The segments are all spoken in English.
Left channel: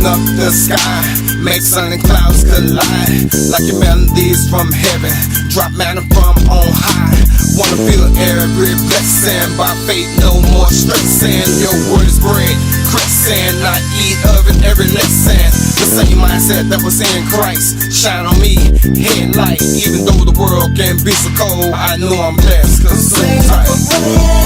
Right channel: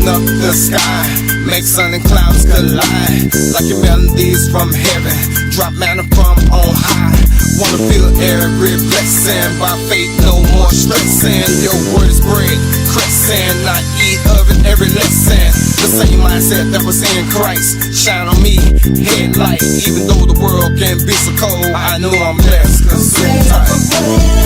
open up the sky, make sun and clouds collide, like your melodies from heaven, drop manna from on high. Wanna feel every blessing, by faith no more stressing. Your word is bread, crescent, not eat of it every lesson. The same mindset that was in Christ, shine on me, headlight. Even though the world can be so cold, I know I'm blessed, cause it's so tight.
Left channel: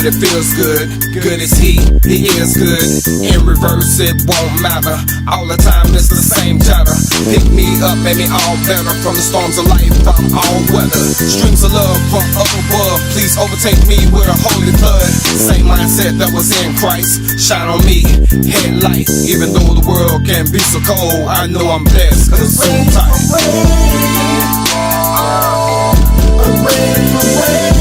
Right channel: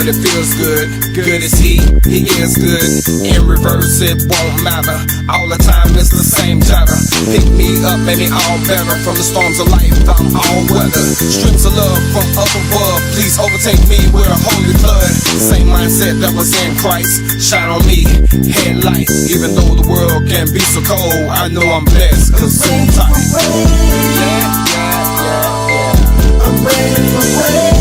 But it feels good, good as he is good. In reverse, it won't matter. All the time it's the same chatter. Pick me up, make me all better. From the storms of life, I'm all weather. Streams of love from up above, please overtake me with a holy blood. Same mindset that was in Christ, shine on me, headlight. Even though the world can be so cold, I know I'm blessed, cause it's so tight. I'm ready for rain.